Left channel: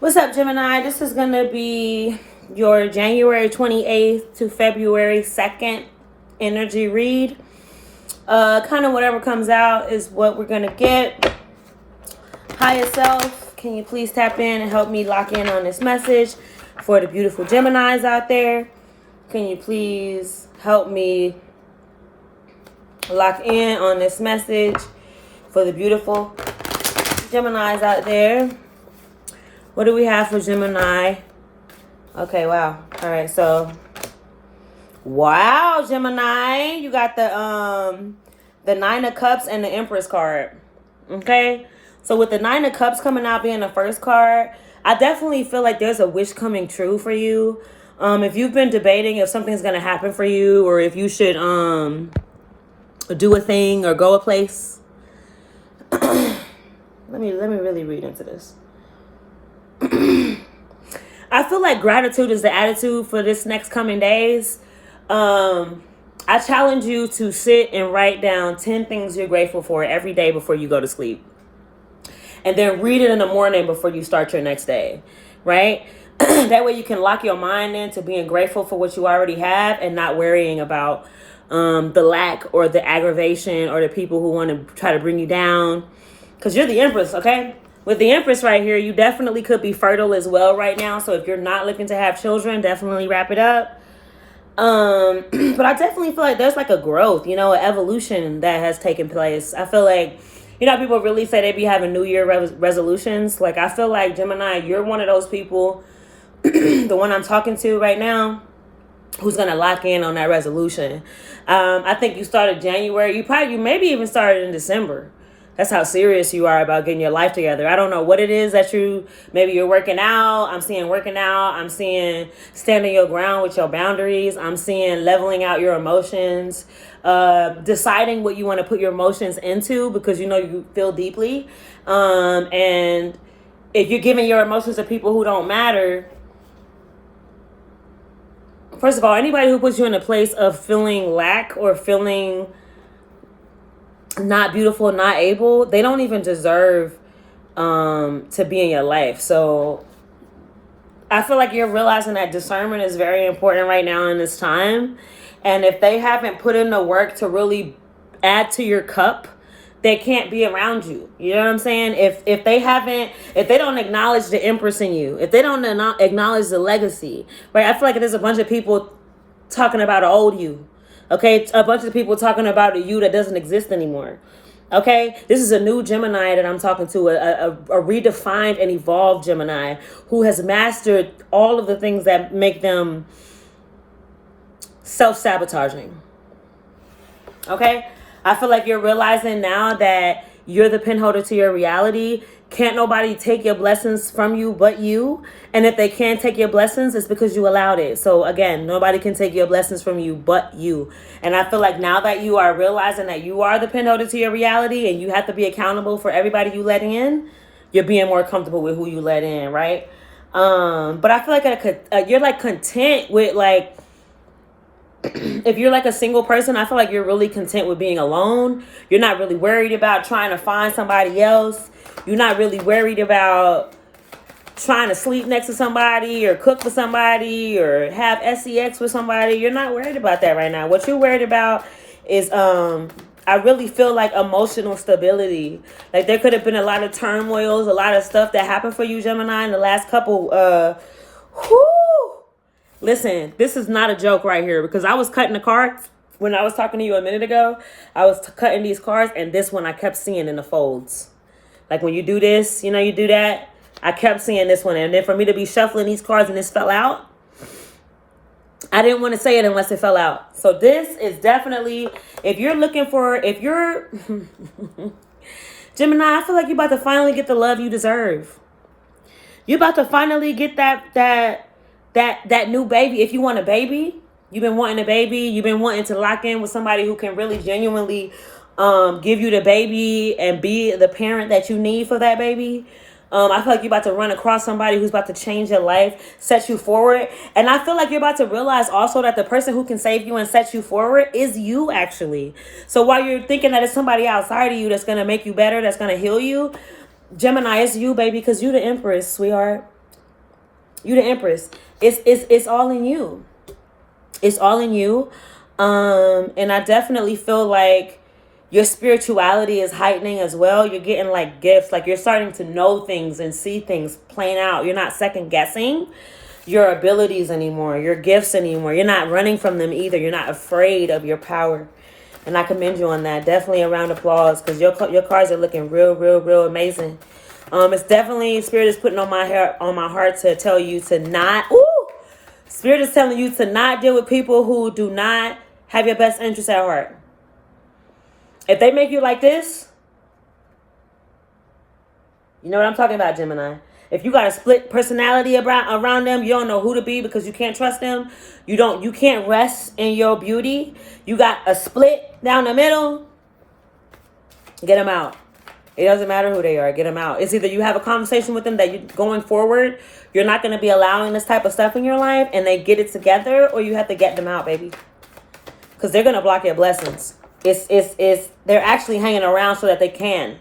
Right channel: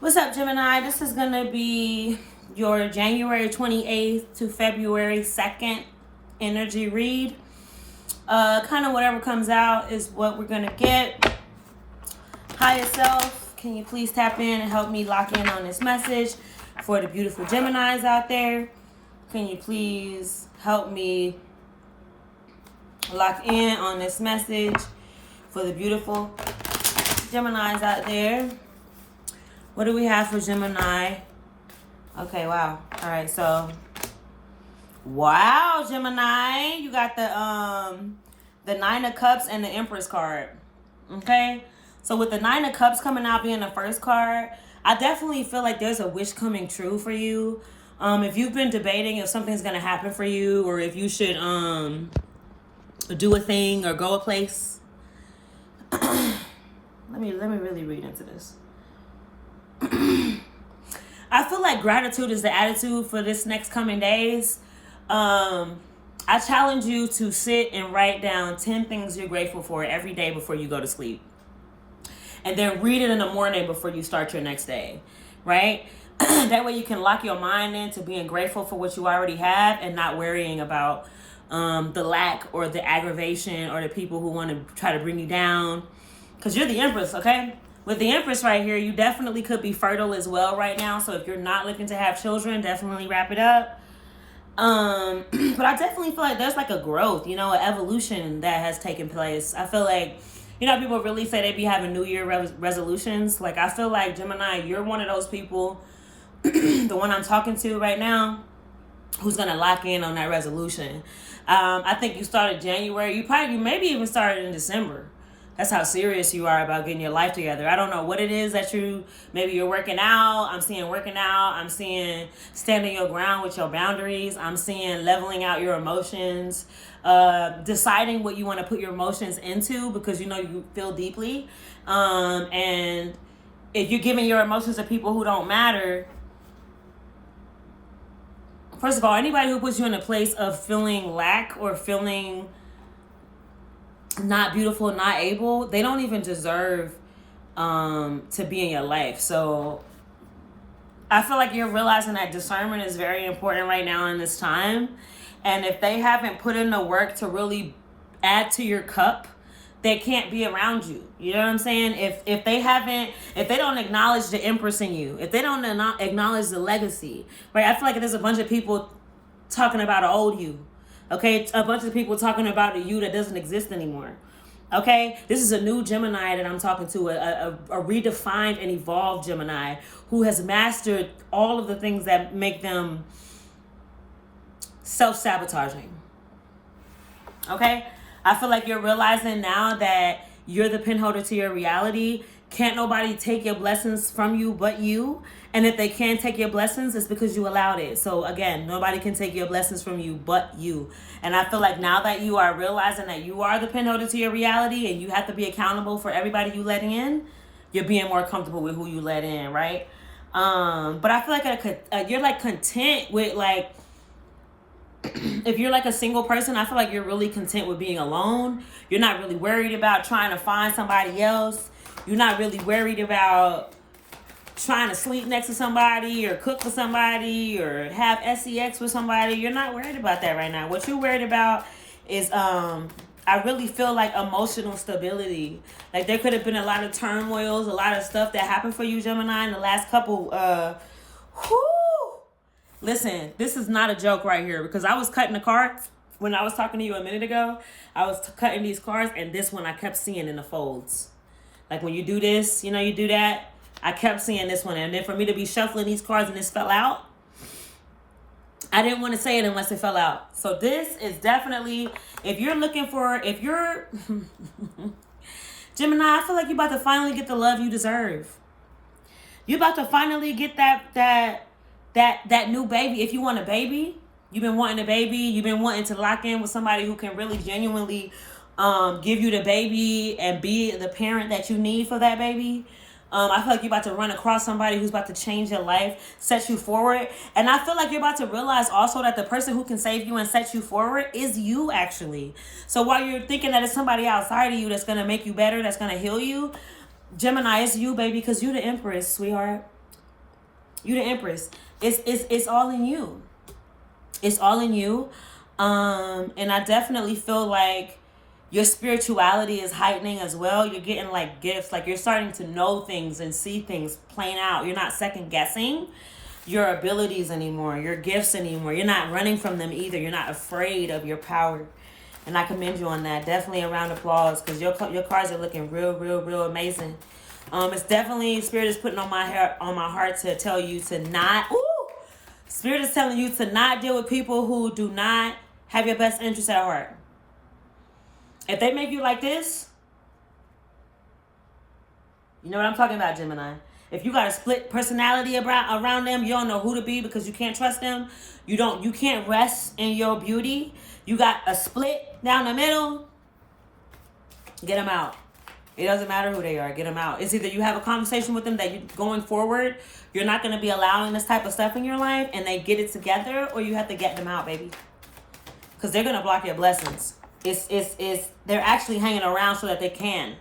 What's up, Gemini? This is going to be your January 28th to February 2nd energy read. Kind of whatever comes out is what we're going to get. Higher self, can you please tap in and help me lock in on this message for the beautiful Geminis out there? Can you please help me lock in on this message for the beautiful Geminis out there? What do we have for Gemini? Okay, wow. All right, so wow, Gemini, you got the Nine of Cups and the Empress card. Okay, so with the Nine of Cups coming out being the first card, I definitely feel like there's a wish coming true for you. If you've been debating if something's gonna happen for you or if you should do a thing or go a place, let me really read into this. I feel like gratitude is the attitude for this next coming days. I challenge you to sit and write down 10 things you're grateful for every day before you go to sleep. And then read it in the morning before you start your next day, right? That way you can lock your mind into being grateful for what you already have and not worrying about the lack or the aggravation or the people who want to try to bring you down. Because you're the Empress, okay? With the Empress right here, you definitely could be fertile as well right now. So if you're not looking to have children, definitely wrap it up. But I definitely feel like there's like a growth, an evolution that has taken place. I feel like, people really say they be having New Year resolutions. Like, I feel like, Gemini, you're one of those people, the one I'm talking to right now, who's going to lock in on that resolution. I think you started January. You maybe even started in December. That's how serious you are about getting your life together. I don't know what it is that maybe you're working out. I'm seeing working out. I'm seeing standing your ground with your boundaries. I'm seeing leveling out your emotions, deciding what you want to put your emotions into because you feel deeply. And if you're giving your emotions to people who don't matter, first of all, anybody who puts you in a place of feeling lack or feeling not beautiful, not able, they don't even deserve to be in your life. So I feel like you're realizing that discernment is very important right now in this time. And if they haven't put in the work to really add to your cup, they can't be around you. You know what I'm saying? If they don't acknowledge the Empress in you, if they don't acknowledge the legacy, right? I feel like there's a bunch of people talking about an old you. Okay, a bunch of people talking about a you that doesn't exist anymore. Okay, this is a new Gemini that I'm talking to, a redefined and evolved Gemini who has mastered all of the things that make them self-sabotaging. Okay, I feel like you're realizing now that you're the pinholder to your reality. Can't nobody take your blessings from you but you. And if they can't take your blessings, it's because you allowed it. So again, nobody can take your blessings from you but you. And I feel like now that you are realizing that you are the pinholder to your reality and you have to be accountable for everybody you let in, you're being more comfortable with who you let in, right? But I feel like you're like content with like, if you're like a single person, I feel like you're really content with being alone. You're not really worried about trying to find somebody else. You're not really worried about trying to sleep next to somebody or cook for somebody or have sex with somebody. You're not worried about that right now. What you're worried about is, I really feel like emotional stability. Like there could have been a lot of turmoils, a lot of stuff that happened for you, Gemini, in the last couple, Listen, this is not a joke right here because I was cutting the cards when I was talking to you a minute ago. I was cutting these cards and this one I kept seeing in the folds. Like when you do this, you do that. I kept seeing this one. And then for me to be shuffling these cards and this fell out, I didn't want to say it unless it fell out. So this is definitely, if you're Gemini, I feel like you're about to finally get the love you deserve. You're about to finally get that new baby. If you want a baby, you've been wanting a baby, you've been wanting to lock in with somebody who can really genuinely give you the baby and be the parent that you need for that baby. I feel like you're about to run across somebody who's about to change your life, set you forward. And I feel like you're about to realize also that the person who can save you and set you forward is you, actually. So while you're thinking that it's somebody outside of you that's going to make you better, that's going to heal you, Gemini, it's you, baby, because you're the Empress, sweetheart. You the Empress. It's all in you. It's all in you. And I definitely feel like your spirituality is heightening as well. You're getting like gifts. Like you're starting to know things and see things playing out. You're not second guessing your abilities anymore, your gifts anymore. You're not running from them either. You're not afraid of your power. And I commend you on that. Definitely a round of applause because your cards are looking real amazing. It's definitely, Spirit is putting on my heart to tell you to not, Spirit is telling you to not deal with people who do not have your best interest at heart. If they make you like this, you know what I'm talking about, Gemini. If you got a split personality around them, you don't know who to be because you can't trust them. You can't rest in your beauty. You got a split down the middle. Get them out. It doesn't matter who they are. Get them out. It's either you have a conversation with them that you going forward, you're not going to be allowing this type of stuff in your life, and they get it together, or you have to get them out, baby. Because they're going to block your blessings. They're actually hanging around so that they can.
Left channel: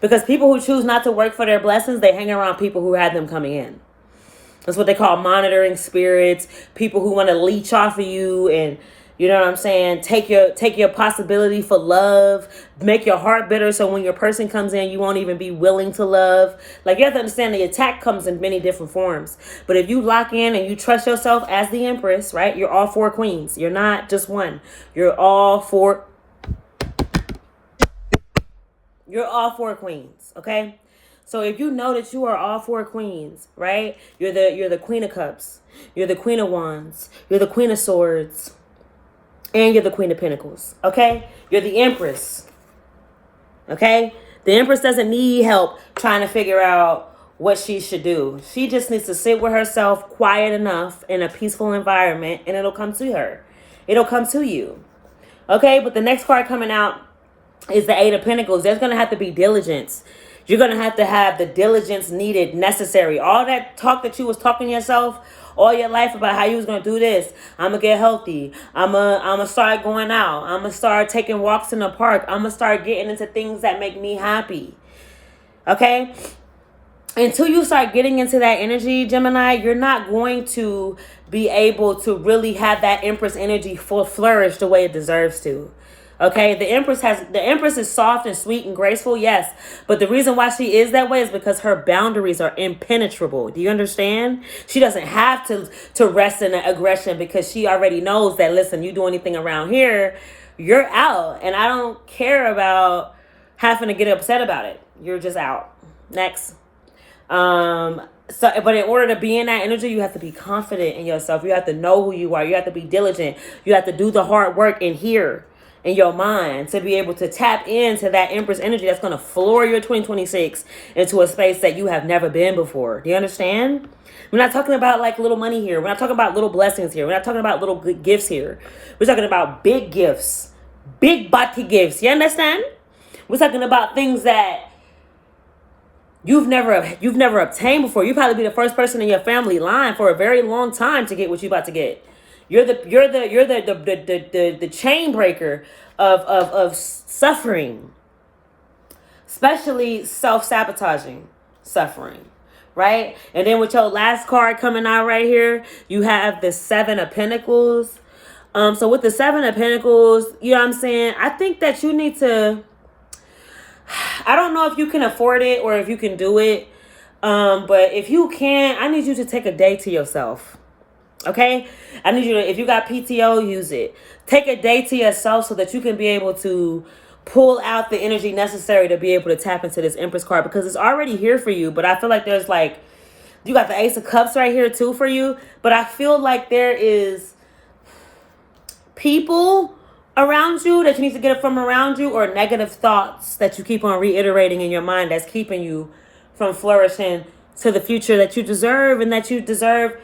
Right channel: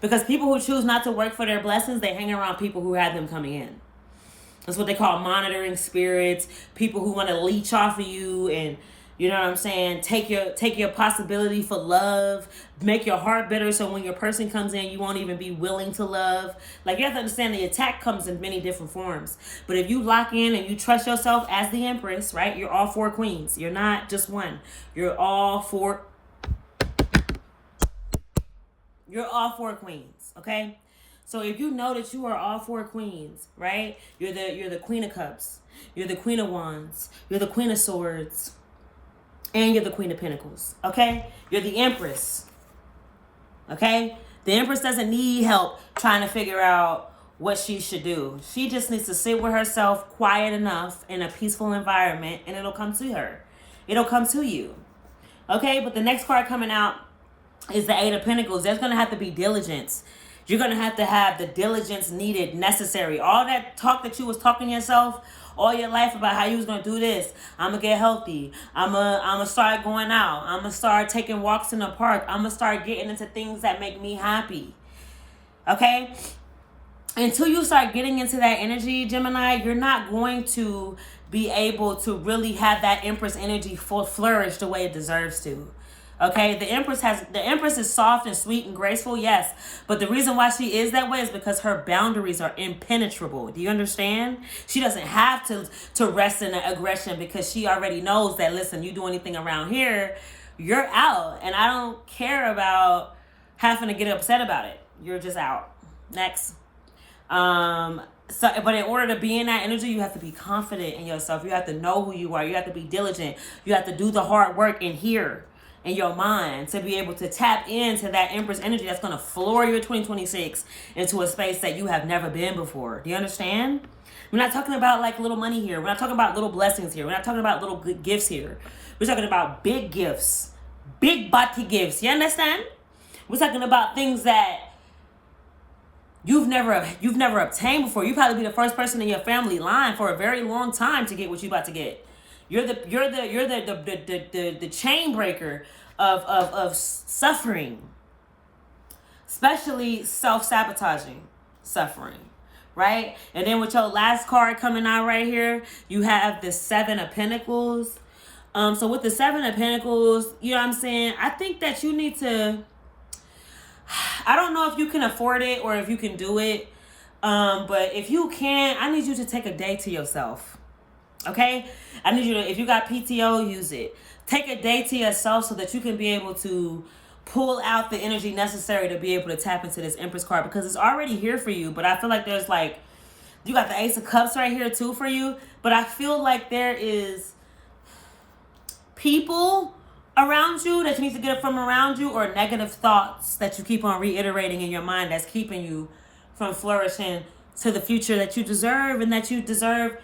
Because people who choose not to work for their blessings, they hang around people who had them coming in. That's what they call monitoring spirits. People who want to leech off of you and, you know what I'm saying, take your possibility for love, make your heart bitter so when your person comes in, you won't even be willing to love. Like, you have to understand the attack comes in many different forms. But if you lock in and you trust yourself as the Empress, right, you're all 4 queens. You're not just one. You're all 4. You're all 4 queens, okay? So if you know that you are all 4 queens, right? You're the Queen of Cups. You're the Queen of Wands. You're the Queen of Swords. And you're the Queen of Pentacles, okay? You're the Empress, okay? The Empress doesn't need help trying to figure out what she should do. She just needs to sit with herself quiet enough in a peaceful environment, and it'll come to her. It'll come to you, okay? But the next card coming out is the 8 of Pentacles. There's going to have to be diligence. You're going to have the diligence needed, necessary. All that talk that you was talking to yourself all your life about how you was going to do this. I'm going to get healthy. I'm going to start going out. I'm going to start taking walks in the park. I'm going to start getting into things that make me happy. Okay? Until you start getting into that energy, Gemini, you're not going to be able to really have that Empress energy flourish the way it deserves to. Okay, the Empress is soft and sweet and graceful, yes. But the reason why she is that way is because her boundaries are impenetrable. Do you understand? She doesn't have to rest in the aggression because she already knows that, listen, you do anything around here, you're out. And I don't care about having to get upset about it. You're just out. Next. But in order to be in that energy, you have to be confident in yourself. You have to know who you are. You have to be diligent. You have to do the hard work in here. In your mind to be able to tap into that Empress energy that's going to floor your 2026 into a space that you have never been before. Do you understand? We're not talking about like little money here. We're not talking about little blessings here. We're not talking about little good gifts here. We're talking about big gifts, big body gifts. You understand? We're talking about things that you've never obtained before. You probably be the first person in your family line for a very long time to get what you're about to get. You're the chain breaker of suffering, especially self-sabotaging suffering, right? And then with your last card coming out right here, you have the 7 of Pentacles. So with the 7 of Pentacles, you know what I'm saying? I think that you need to, I don't know if you can afford it or if you can do it. But if you can, I need you to take a day to yourself. Okay, I need you to, if you got PTO, use it. Take a day to yourself so that you can be able to pull out the energy necessary to be able to tap into this Empress card because it's already here for you. But I feel like there's like, you got the Ace of Cups right here too for you. But I feel like there is people around you that you need to get from around you, or negative thoughts that you keep on reiterating in your mind that's keeping you from flourishing to the future that you deserve and that you deserve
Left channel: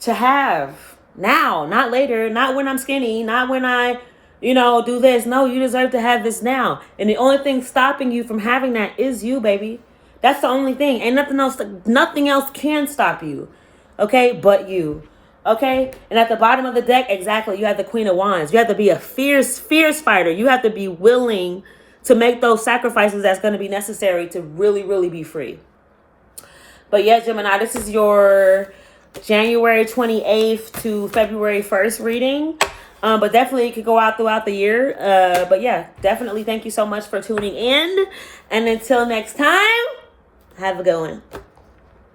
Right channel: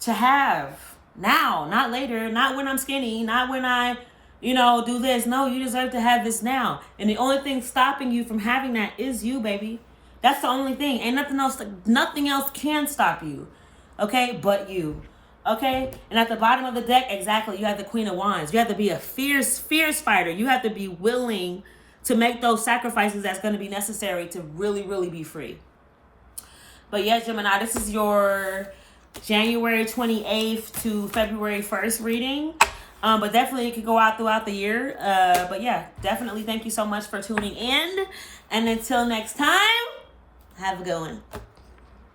to have now, not later, not when I'm skinny, not when I, do this. No, you deserve to have this now. And the only thing stopping you from having that is you, baby. That's the only thing. Ain't nothing else can stop you. Okay, but you. Okay? And at the bottom of the deck, exactly, you have the Queen of Wands. You have to be a fierce fighter. You have to be willing to make those sacrifices that's going to be necessary to really, really be free. But yeah, Gemini, this is your January 28th to February 1st reading. But definitely it could go out throughout the year. But yeah, definitely thank you so much for tuning in. And until next time, have a good one.